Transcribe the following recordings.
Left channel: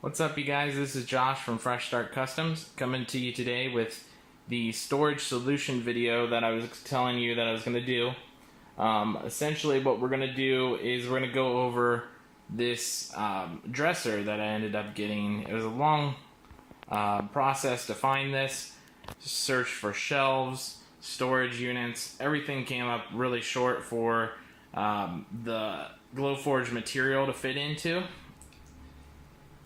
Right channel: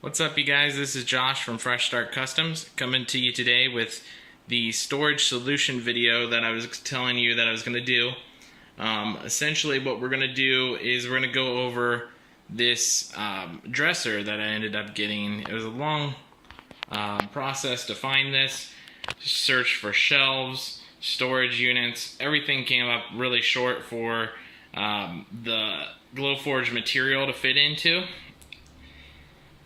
What's up, you guys? This is Josh from Fresh Start Customs, coming to you today with the storage solution video that I was telling you that I was going to do. Essentially what we're going to do is we're going to go over this dresser that I ended up getting. It was a long process to find this. Search for shelves, storage units, everything came up really short for the Glowforge material to fit into.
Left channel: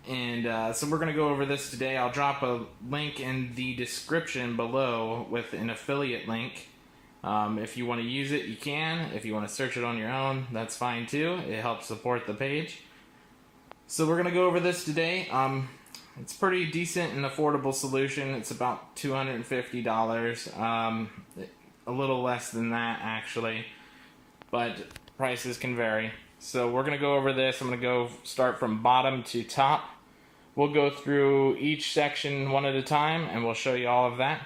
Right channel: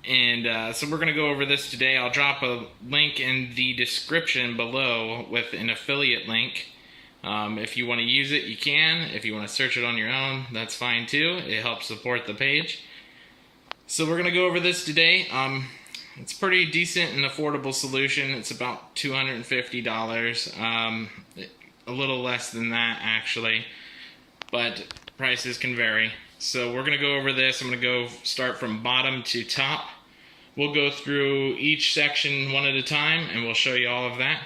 And so we're going to go over this today. I'll drop a link in the description below with an affiliate link. If you want to use it, you can. If you want to search it on your own, that's fine too. It helps support the page. So we're going to go over this today. It's pretty decent and affordable solution. It's about $250. A little less than that actually, but prices can vary. So we're going to go over this. I'm going to go start from bottom to top. We'll go through each section one at a time and we'll show you all of that.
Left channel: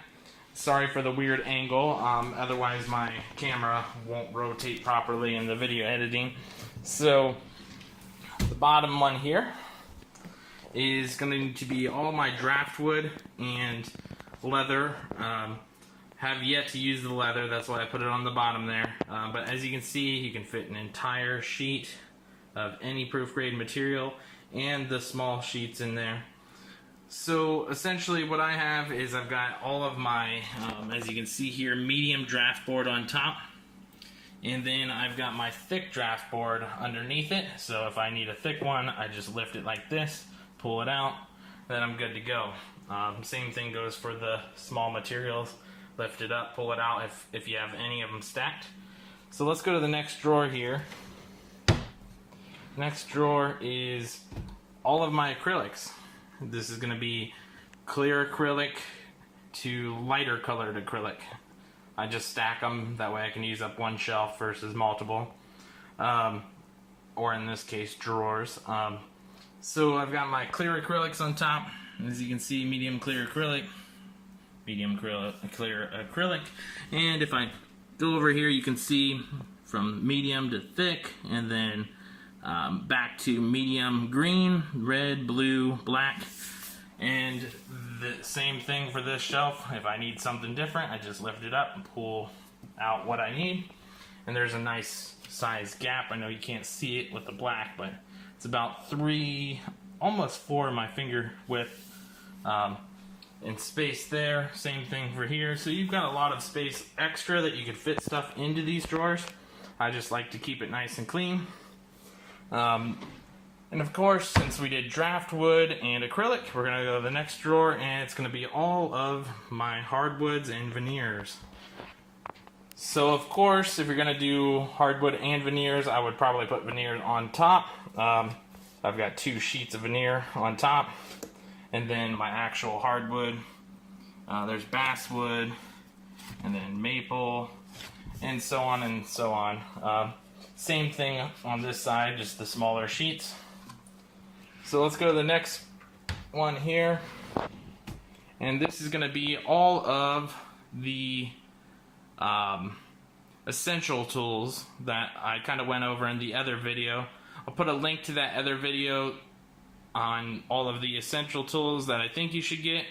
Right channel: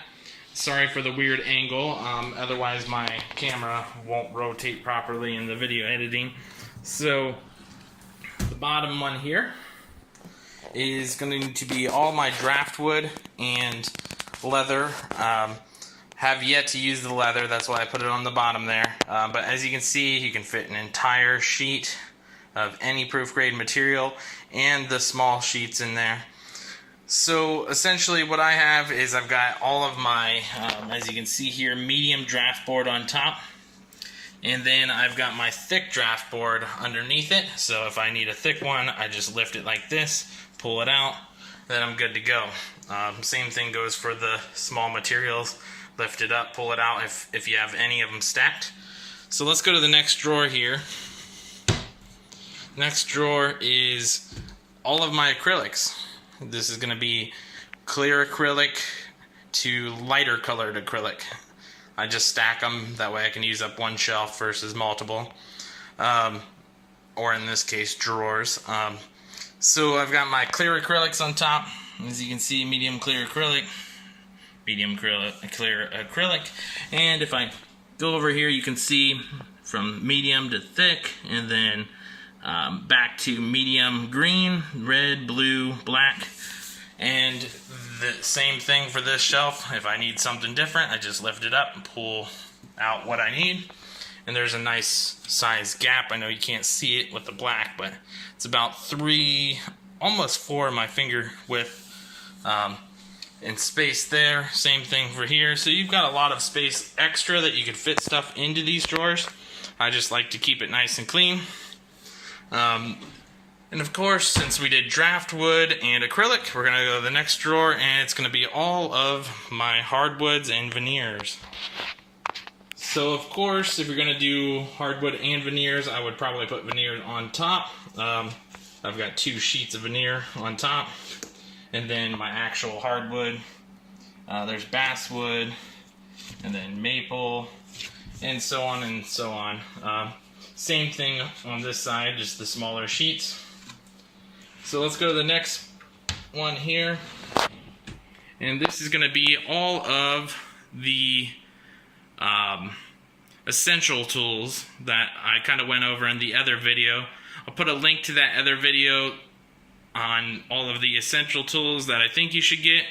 Sorry for the weird angle, otherwise my camera won't rotate properly in the video editing. So the bottom one here is going to be all my draft wood and leather. Have yet to use the leather, that's why I put it on the bottom there. But as you can see, you can fit an entire sheet of any proof grade material and the small sheets in there. So essentially what I have is I've got all of my, as you can see here, medium draft board on top. And then I've got my thick draft board underneath it. So if I need a thick one, I just lift it like this, pull it out, then I'm good to go. Same thing goes for the small materials. Lift it up, pull it out if you have any of them stacked. So let's go to the next drawer here. Next drawer is all of my acrylics. This is going to be clear acrylic to lighter colored acrylic. I just stack them, that way I can use up one shelf versus multiple. Or in this case, drawers. So I've got my clear acrylics on top. As you can see, medium clear acrylic. Medium clear acrylic, and if I go over here, you can see from medium to thick, and then back to medium green, red, blue, black, and the same thing for this shelf. If I need something different, I just lift it up and pull out what I need, and there's a nice size gap. I know you can't see it with the black, but it's about 3, almost 4 of my finger width. And space there, same thing for here. So you've got a lot of space extra that you could fit stuff into these drawers. I just like to keep it nice and clean. And of course, since we did draft wood and acrylic, we're going to go to the next drawer, and it's going to be all of my hardwoods and veneers. So of course, if you're going to do hardwood and veneers, I would probably put veneers on top. I've got 2 sheets of veneer on top. And then my actual hardwood, there's basswood, and then maple, and so on and so on. Same thing on this side, just the smaller sheets. So let's go to the next one here. And this is going to be all of the essential tools that I kind of went over in the other video. I'll put a link to that other video on all of the essential tools that I think you should get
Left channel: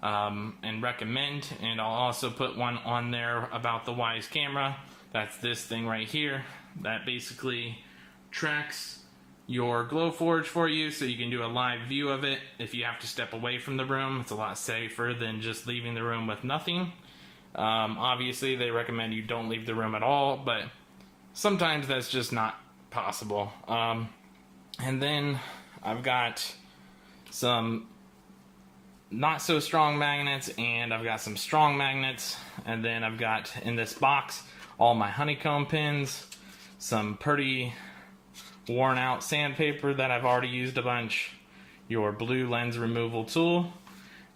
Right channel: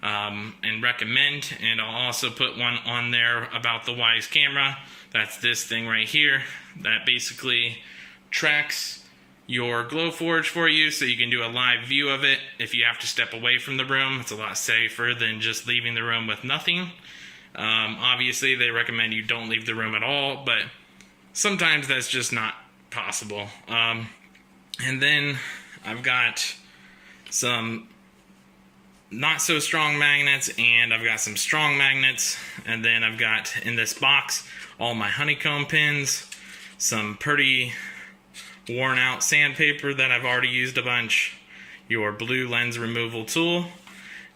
and recommend, and I'll also put one on there about the Wise camera. That's this thing right here that basically tracks your Glowforge for you so you can do a live view of it. If you have to step away from the room, it's a lot safer than just leaving the room with nothing. Obviously they recommend you don't leave the room at all, but sometimes that's just not possible. And then I've got some not so strong magnets, and I've got some strong magnets, and then I've got in this box all my honeycomb pins, some pretty worn out sandpaper that I've already used a bunch, your blue lens removal tool,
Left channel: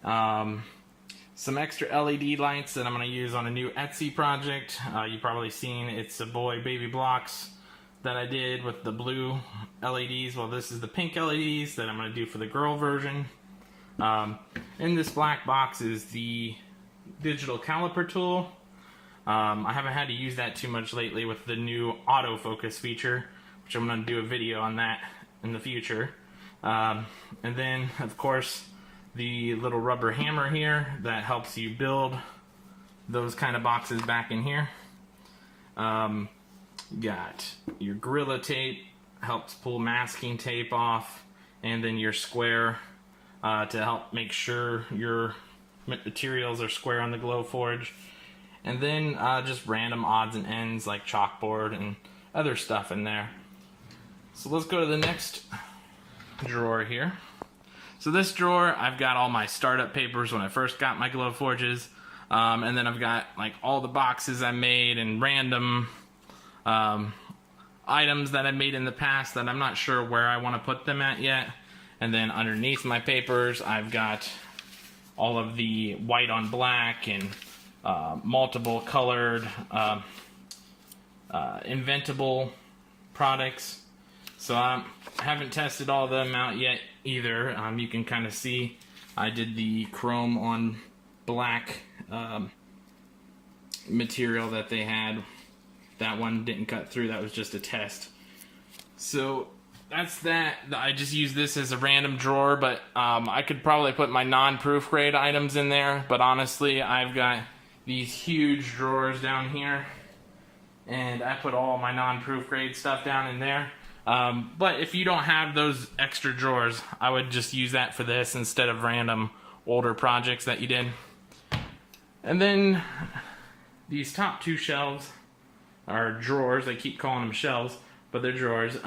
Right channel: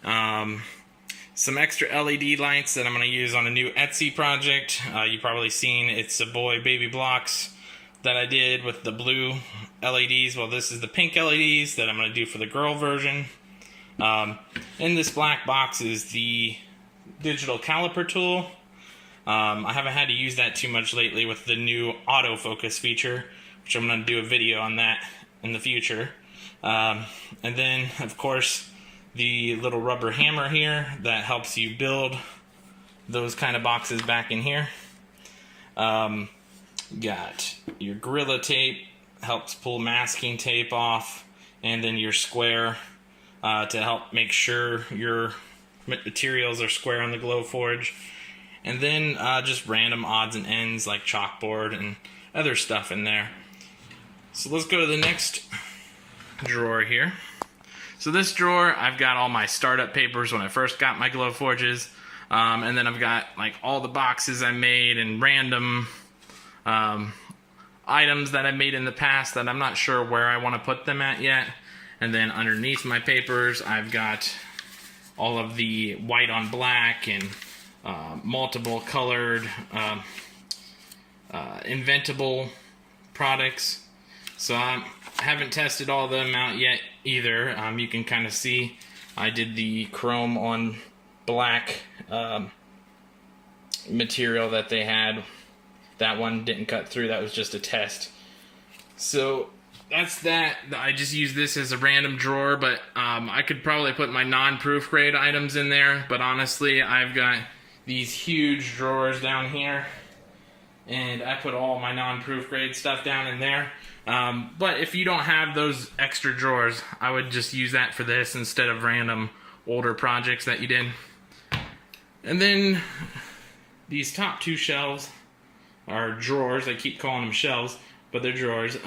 some extra LED lights that I'm going to use on a new Etsy project. You've probably seen It's a Boy baby blocks that I did with the blue LEDs. Well, this is the pink LEDs that I'm going to do for the girl version. In this black box is the digital caliper tool. I haven't had to use that too much lately with the new autofocus feature, which I'm going to do a video on that in the future. And then, of course, the little rubber hammer here that helps you build those kind of boxes back in here. Got your Gorilla Tape, helps pull masking tape off, and then your square to help make sure your materials are square on the Glowforge. And then just random odds and ends like chalkboard and other stuff in there. So let's go to the next drawer here. So this drawer, I've got all my startup papers when I first got my Glowforges, and then I've got like all the boxes I made and random items that I made in the past that I'm not sure where I want to put them at yet. And then underneath my papers, I've got all of the white on black and multiple colored inventable products. So I haven't tested all of them out yet either. You can kind of see I did the chrome on black material that they had. That one didn't cut through. That was just a test. So that's that. I just use this as a random drawer, but I could probably put my non-proof grade items in there. But honestly, I've got these huge drawers down here, and I put all my non-proof grade stuff down in there. But if you don't have those extra drawers, I would just use that for this instead of random older projects that you did. And then these top two shelves are drawers. I keep calling them shelves, but they're drawers.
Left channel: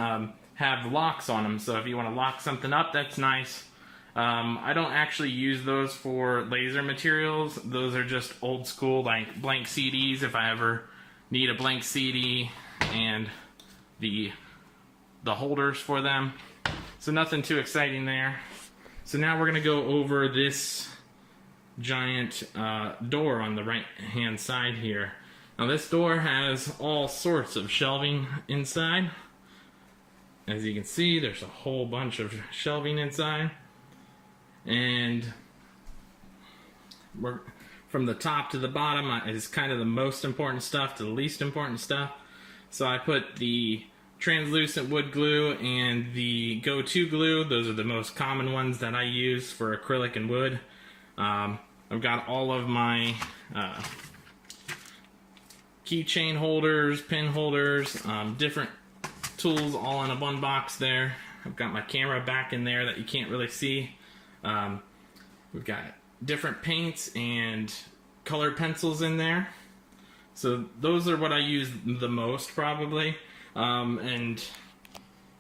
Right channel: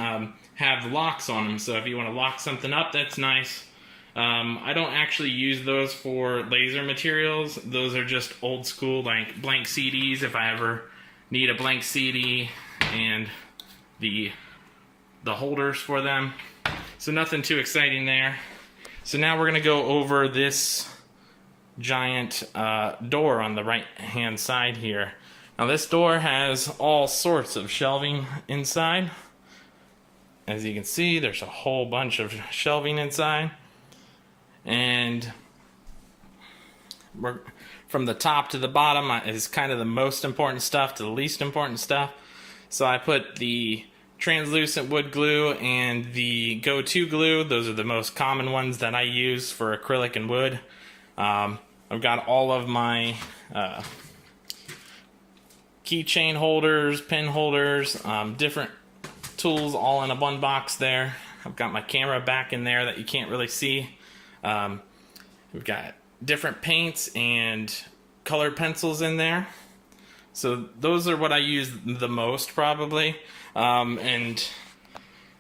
Have locks on them, so if you want to lock something up, that's nice. I don't actually use those for laser materials. Those are just old school, like blank CDs, if I ever need a blank CD, and the holders for them. So nothing too exciting there. So now we're going to go over this giant door on the right hand side here. Now this door has all sorts of shelving inside. As you can see, there's a whole bunch of shelving inside. And we're, from the top to the bottom is kind of the most important stuff to the least important stuff. So I put the translucent wood glue and the go-to glue. Those are the most common ones that I use for acrylic and wood. I've got all of my keychain holders, pin holders, different tools all in a one box there. I've got my camera back in there that you can't really see. We've got different paints and colored pencils in there. So those are what I use the most probably. And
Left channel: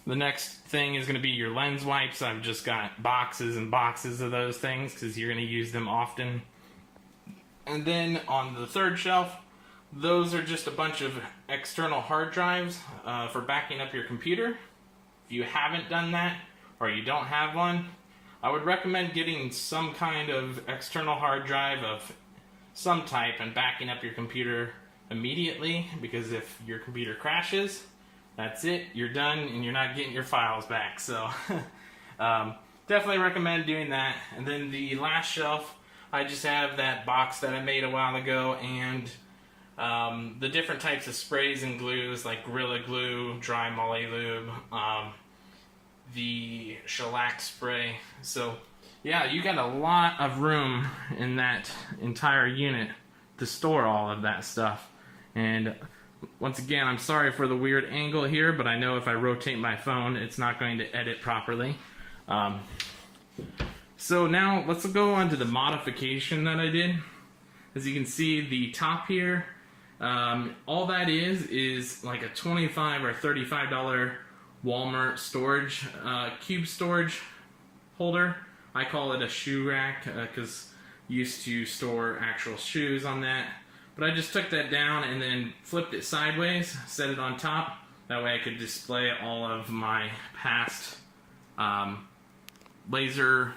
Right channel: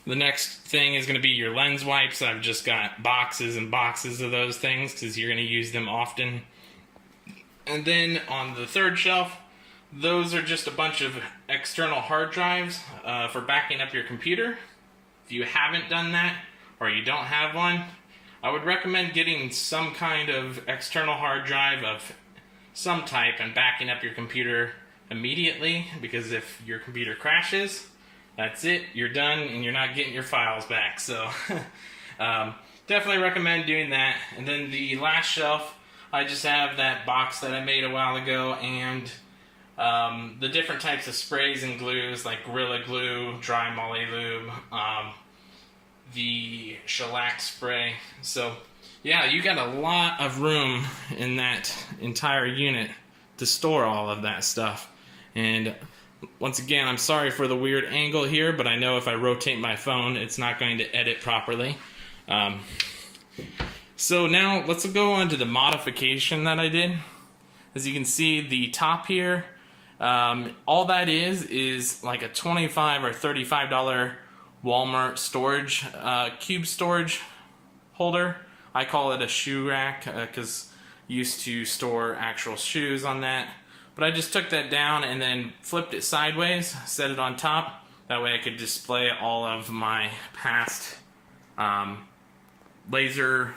the next thing is going to be your lens wipes. I've just got boxes and boxes of those things because you're going to use them often. And then on the third shelf, those are just a bunch of external hard drives for backing up your computer. If you haven't done that or you don't have one, I would recommend getting some kind of external hard drive of some type and backing up your computer immediately, because if your computer crashes, that's it, you're done and you're not getting your files back. So definitely recommend doing that. And then the last shelf, I just have that box that I made a while ago, and the different types of sprays and glues like Gorilla Glue, Dry Moly Lube, the shellac spray. So yeah, you got a lot of room in that entire unit to store all of that stuff. And once again, I'm sorry for the weird angle here, but I know if I rotate my phone, it's not going to edit properly. So now let's go on to the modification that I did. As you can see, the top here, all that is like a $25 or $35 Walmart storage, cube storage holder. I call it a shoe rack because I used to store actual shoes on that. But I just took that down and then flipped it sideways, set it on top. That way I could display all of my past laser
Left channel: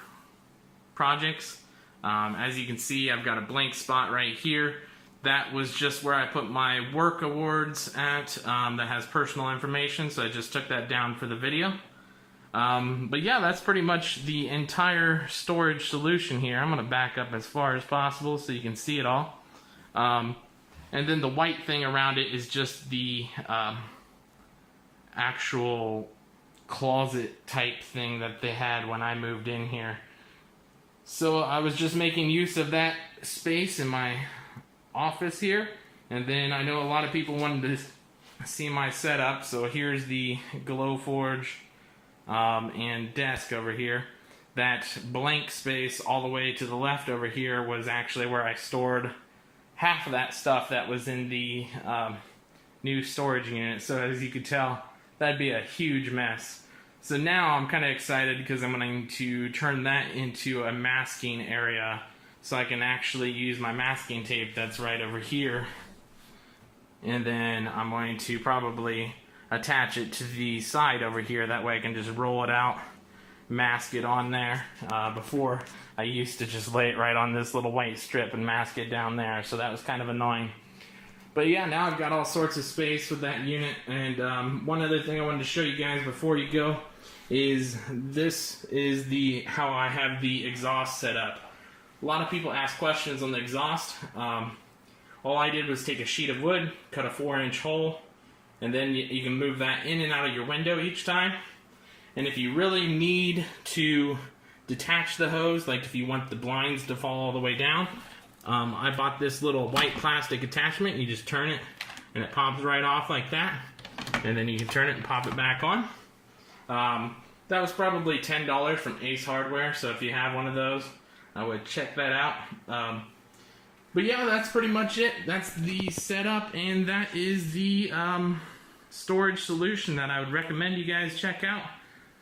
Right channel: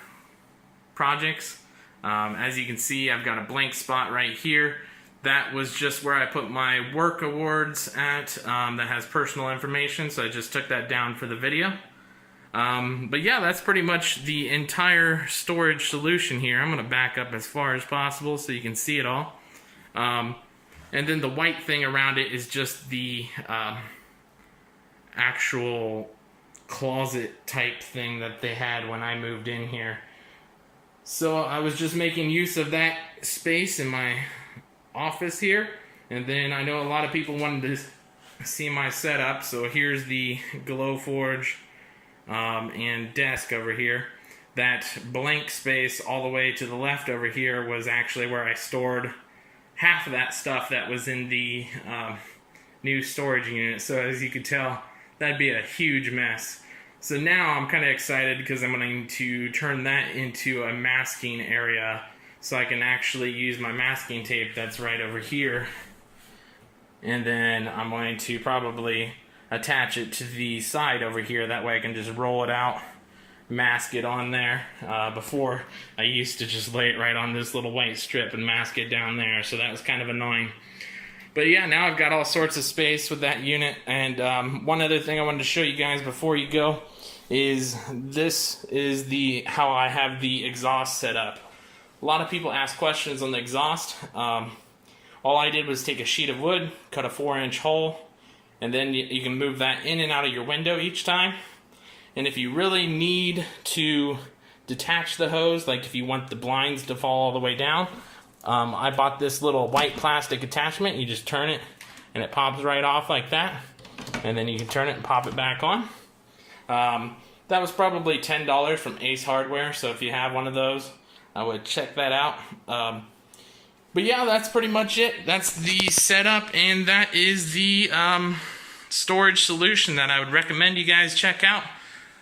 projects. As you can see, I've got a blank spot right here. That was just where I put my work awards at, that has personal information, so I just took that down for the video. But yeah, that's pretty much the entire storage solution here. I'm going to back up as far as possible so you can see it all. And then the white thing around it is just the actual closet type thing that they had when I moved in here. So I was just making use of that space in my office here, and then I know a lot of people wanted to see my setup, so here's the Glowforge and desk over here. That blank space all the way to the left over here was actually where I stored half of that stuff that was in the new storage unit. So as you could tell, that'd be a huge mess. So now I'm kind of excited because I'm going to turn that into a masking area so I can actually use my masking tape that's right over here. And then I'm going to probably attach it to the side over here. That way I can just roll it out, mask it on there. Before, I used to just lay it right on this little white strip and mask it down there. So that was kind of annoying. But yeah, now I've got all sorts of space with that unit. And one other thing I wanted to show you guys before you go is this is how I have the exhaust set up. A lot of people ask questions on the exhaust. All I did was take a sheet of wood, cut a 4-inch hole, and then you can move that in and out of your window each time. And if you really need to detach the hose, like if you want the blinds to fall all the way down, I bought this little white plastic attachment. You just turn it and it pops right off like that, and then you can turn it and pop it back on. That was probably $10 from Ace Hardware, so if you have one of those, I would check that out. But yeah, that's pretty much it. That's the setup, and that is the storage solution that I would recommend you guys check out.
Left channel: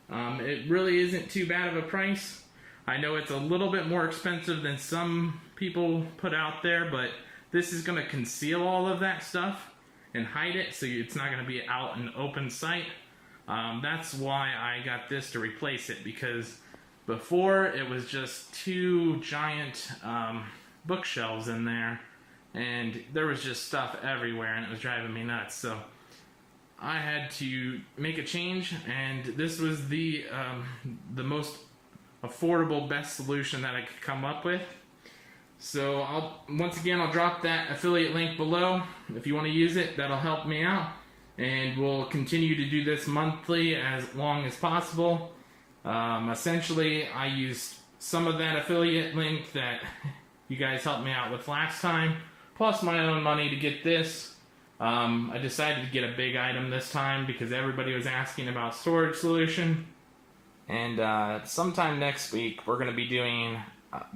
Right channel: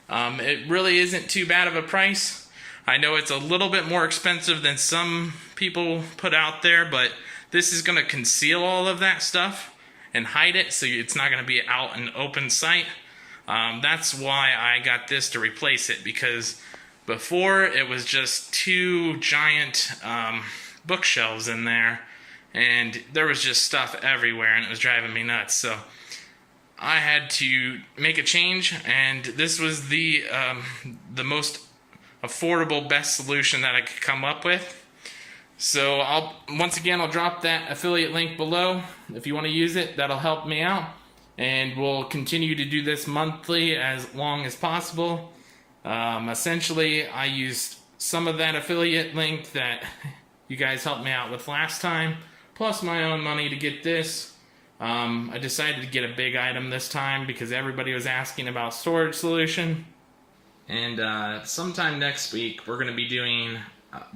It really isn't too bad of a price. I know it's a little bit more expensive than some people put out there, but this is going to conceal all of that stuff and hide it, so it's not going to be out in open sight. That's why I got this to replace it, because before it was just two giant bookshelves in there, and there was just stuff everywhere, and it was driving me nuts. So I had to make a change, and this was the most affordable, best solution that I could come up with. So once again, I'll drop that affiliate link below. If you want to use it, that'll help me out, and we'll continue to do this monthly as long as possible. Essentially, I used some of that affiliate link that you guys helped me out with last time, plus my own money to get this. I decided to get a big item this time because everybody was asking about storage solution. And sometime next week, we're going to be doing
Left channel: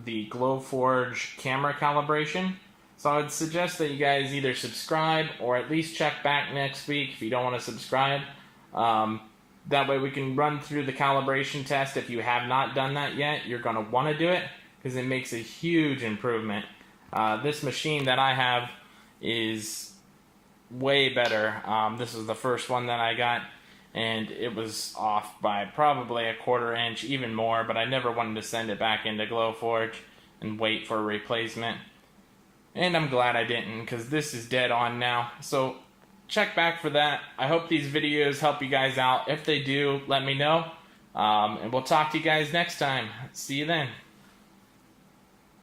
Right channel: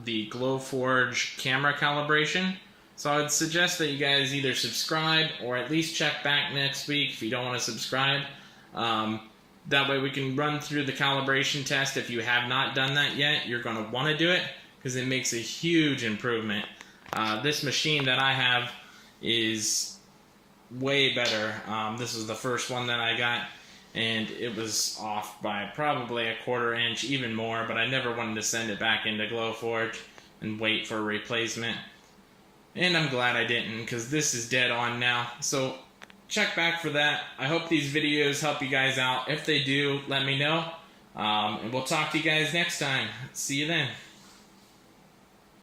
the Glowforge camera calibration. So I would suggest that you guys either subscribe or at least check back next week if you don't want to subscribe. That way we can run through the calibration test. If you have not done that yet, you're going to want to do it because it makes a huge improvement. This machine that I have is way better. This was the first one that I got, and it was off by probably a 1/4 inch, even more, but I never wanted to send it back into Glowforge and wait for a replacement. And I'm glad I didn't, because this is dead on now. So check back for that. I hope these videos help you guys out. If they do, let me know. And we'll talk to you guys next time. See you then.